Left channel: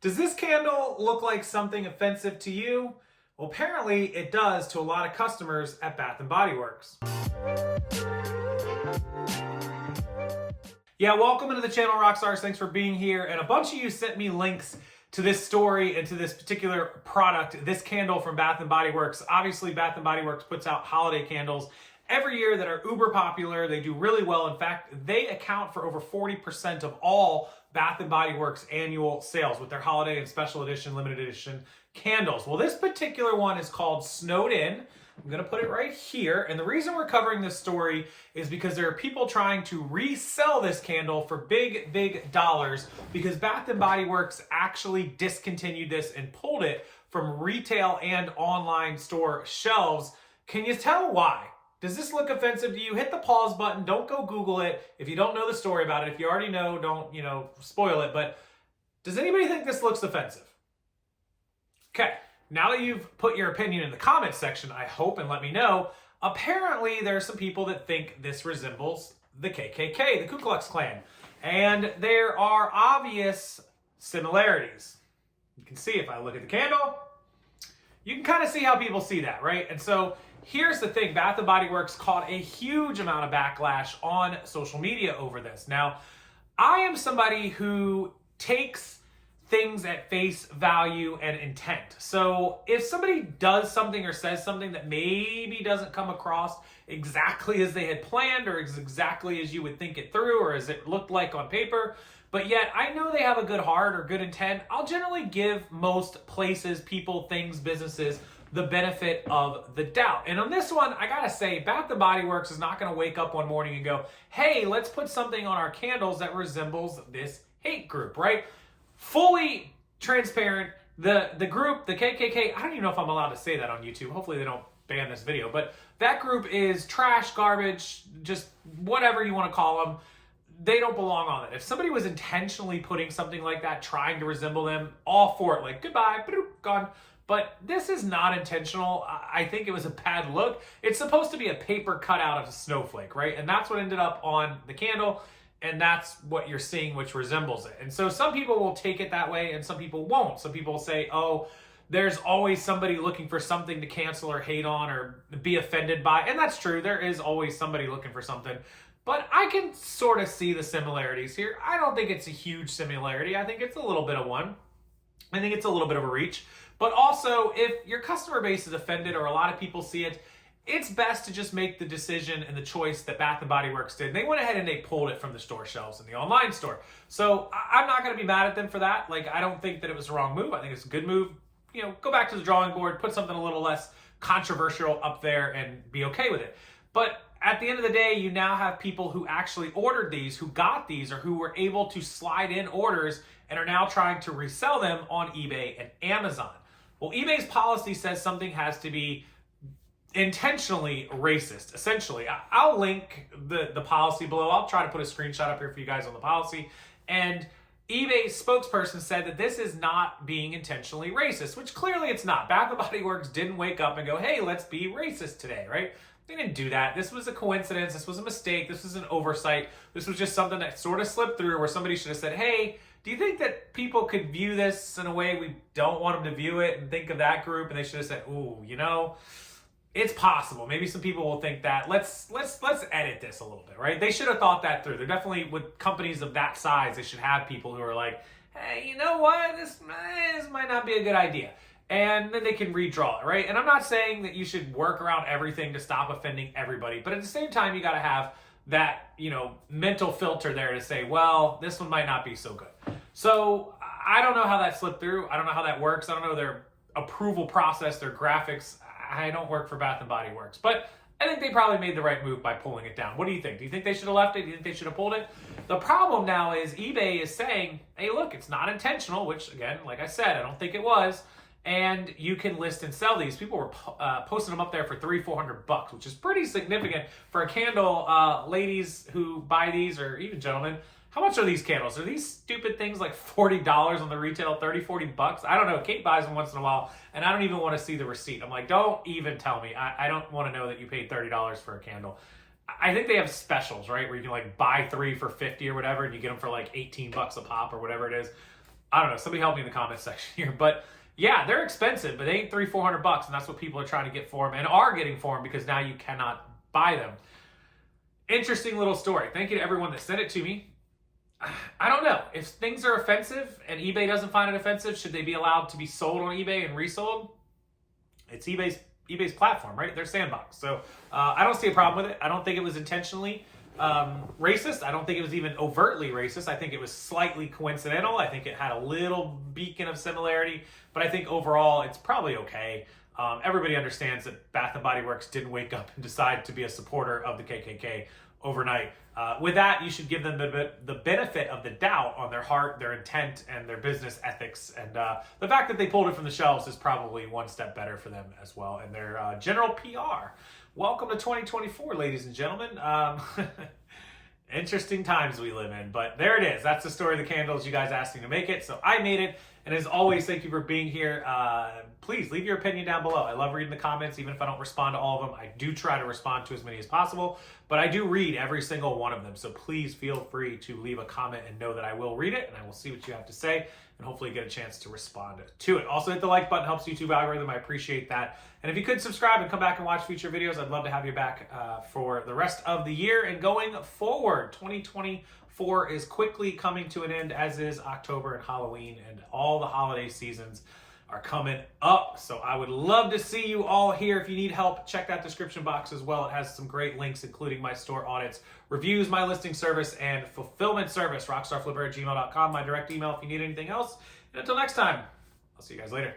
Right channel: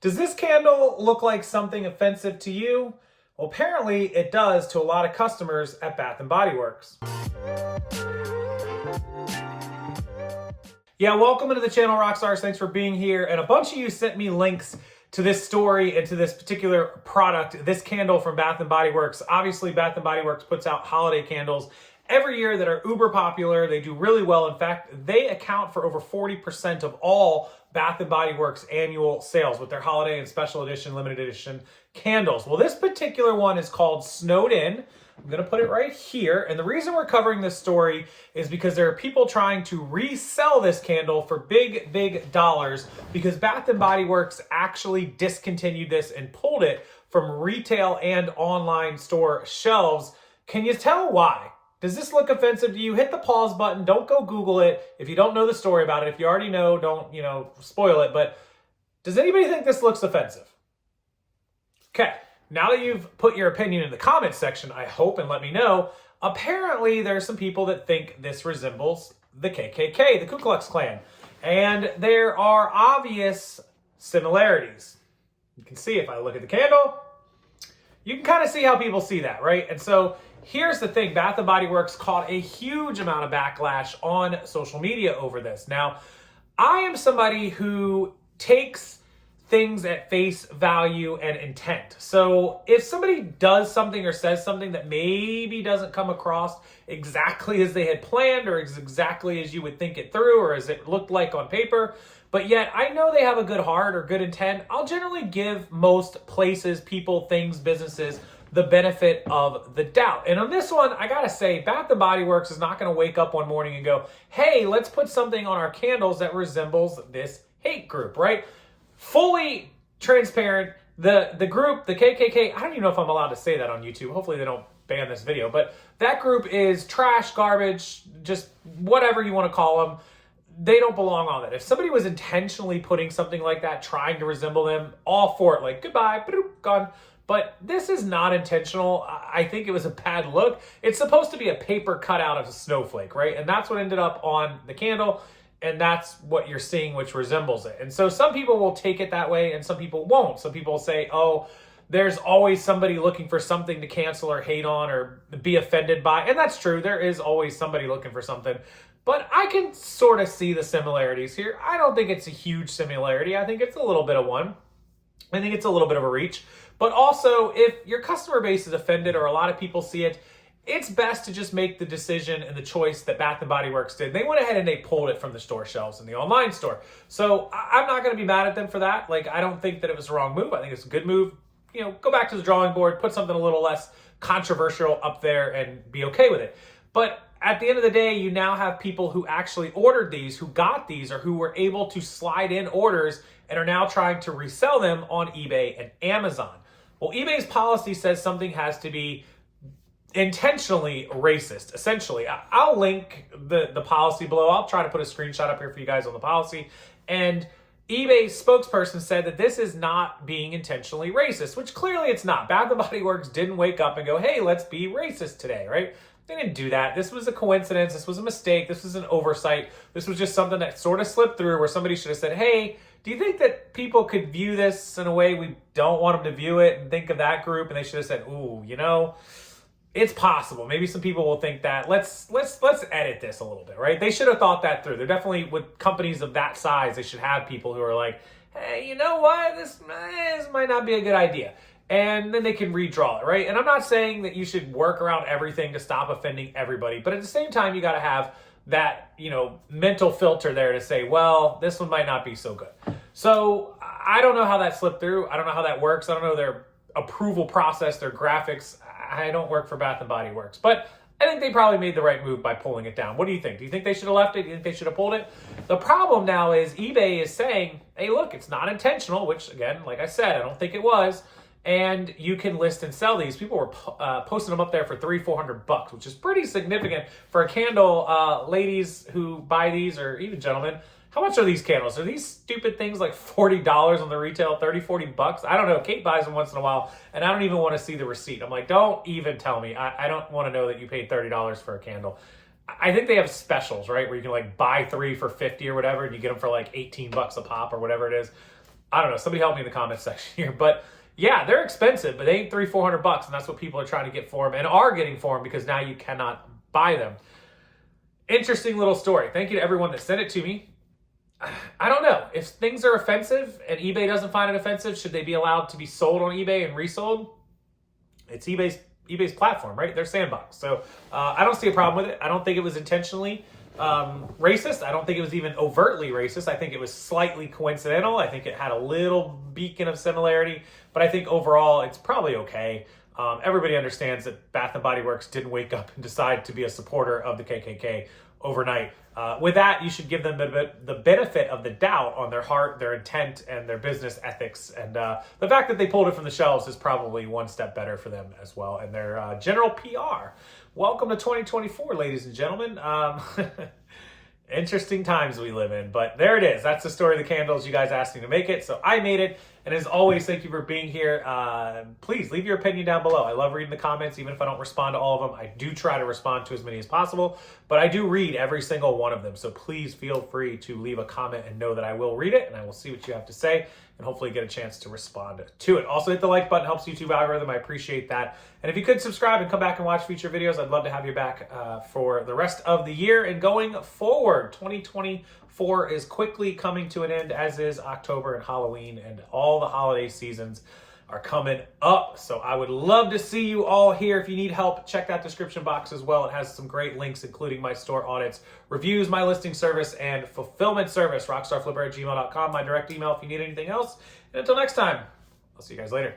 Does this candle look like something offensive to you? Well, apparently it does to a lot of customers at Bath & Body Works. Yeah, welcome into the channel, Rockstars. Thanks for being here. And a bunch of you sent me links to this story and to this particular product, this candle from Bath & Body Works. Obviously, Bath & Body Works puts out holiday candles every year that are uber popular. They do really well. In fact, they account for over 40% of all Bath & Body Works annual sales with their holiday and special edition, limited edition candles. Well, this particular one is called Snowed In. I'm going to put it right here. And the reason we're covering this story is because there are people trying to resell this candle for big, big dollars because Bath & Body Works actually discontinued this and pulled it from retail and online store shelves. Can you tell why? Does this look offensive to you? Hit the pause button. Don't go Google it. If you don't know the story about it, if you already know, don't, spoil it. But does anybody think this looks offensive? Okay. Now that you've put your opinion in the comments section, I hope, and let me know, apparently there's some people that think this resembles the KKK, the Ku Klux Klan. And there are obvious similarities. You can see if I look at the candle, you can kind of see how people see that, right? And so here's the thing, Bath & Body Works caught a huge amount of backlash on social media over this. Now, I am somebody who takes things at face value and intent. So if somebody does something or says something that maybe doesn't come across exactly as they had planned or exactly as you would think it through or as it looked like on paper, but yet I know they have a good heart or good intent, I'll generally give most places, people, things, businesses the benefit of the doubt. And on this one, I gotta say, Bath & Body Works is not gonna wake up one morning and go, hey, let's put something on our candles that resembles this hate group, right? Fully transparent, the group, the KKK, I don't even know if I'm allowed to say that on YouTube. Hopefully they don't ban this video, but that group is trash, garbage, just whatever you want to call them. They don't belong on it. If somebody was intentionally putting something like that, trying to resemble them, all for it, like goodbye, gone. But this is not intentional. I think it was a bad look. It's supposed to be a paper cutout of a snowflake, right? And that's what ended up on the candle. And that's what you're seeing, which resembles it. And so some people will take it that way and some people won't. Some people will say, oh, there's always somebody looking for something to cancel or hate on or be offended by. And that's true. There is always somebody looking for something. But I can sort of see the similarities here. I don't think it's a huge similarity. I think it's a little bit of one. I think it's a little bit of a reach. But also, if your customer base is offended or a lot of people see it, it's best to just make the decision and the choice that Bath & Body Works did. They went ahead and they pulled it from the store shelves in the online store. So I'm not going to be mad at them for that. Like, I don't think that it was a wrong move. I think it's a good move. Go back to the drawing board, put something a little less controversial up there and be okay with it. But at the end of the day, you now have people who actually ordered these, who got these, or who were able to slide in orders and are now trying to resell them on eBay and Amazon. Well, eBay's policy says something has to be intentionally racist, essentially. I'll link the policy below. I'll try to put a screenshot up here for you guys on the policy. And eBay's spokesperson said that this is not being intentionally racist, which clearly it's not. Bath & Body Works didn't wake up and go, hey, let's be racist today, right? They didn't do that. This was a coincidence. This was a mistake. This was an oversight. This was just something that sort of slipped through where somebody should have said, hey, do you think that people could view this in a way we don't want them to view it and think of that group? And they should have said, ooh, it's possible. Maybe some people will think that let's edit this a little bit, right? They should have thought that through. They're definitely, with companies of that size, they should have people who are like, hey, you know what? This might not be a good idea. And then they can redraw it, right? And I'm not saying that you should work around everything to stop offending everybody, but at the same time, you got to have that, mental filter there to say, well, this one might not be so good. So I don't know how that slipped through. I don't know how that works. I don't know their approval process, their graphics. I don't work for Bath & Body Works, but I think they probably made the right move by pulling it down. What do you think? Do you think they should have left it? Do you think they should have pulled it? The problem now is eBay is saying, hey, look, it's not intentional, which again, like I said, I don't think it was. And you can list and sell these. People were posting them up there for $300-400, which is pretty significant for a candle. Ladies who buy these, or even gentlemen, how much are these candles? Are these stupid things like $40 on the retail, $30-40? I don't know. Kate buys them once in a while, and I don't even want to see the receipt. I'm like, don't even tell me. I don't want to know that you paid $30 for a candle. I think they have specials, right? Where you can like buy 3 for $50 or whatever, and you get them for like $18 a pop or whatever it is. I don't know. Somebody help me in the comments section here. But yeah, they're expensive, but they ain't $300-400, and that's what people are trying to get for them and are getting for them because now you cannot buy them. Interesting little story. Thank you to everyone that sent it to me. I don't know. If things are offensive and eBay doesn't find it offensive, should they be allowed to be sold on eBay and resold? It's eBay's platform, right? Their sandbox. So I don't see a problem with it. I don't think it was intentionally racist. I don't think it was even overtly racist. I think it was slightly coincidental. I think it had a little beacon of similarity, but I think overall it's probably okay. Everybody understands that Bath & Body Works didn't wake up and decide to be a supporter of the KKK overnight. With that, you should give them the benefit of the doubt on their heart, their intent, and their business ethics. And the fact that they pulled it from the shelves is probably one step better for them as well, and their general PR. Welcome to 2024, ladies and gentlemen. Interesting times we live in, but there it is. That's the story of the candles. You guys asked me to make it, so I made it. And as always, thank you for being here. Please leave your opinion down below. I love reading the comments, even if I don't respond to all of them. I do try to respond to as many as possible, but I do read every single one of them. So please feel free to leave a comment and know that I will read it, and I will see what you have to say and hopefully get a chance to respond to it. Also, hit the like button. Helps YouTube algorithm. I appreciate that. And if you could subscribe and come back and watch future videos, I'd love to have you back for the rest of the year and going forward. 2024 is quickly coming to an end, as is October and Halloween, and all the holiday seasons are coming up. So I would love to see you all here. If you need help, check that description box as well. It has some great links, including my store audits, reviews, my listing service, and fulfillment service, rockstarflipper@gmail.com, my direct email if you need anything else. And until next time, I'll see you guys later.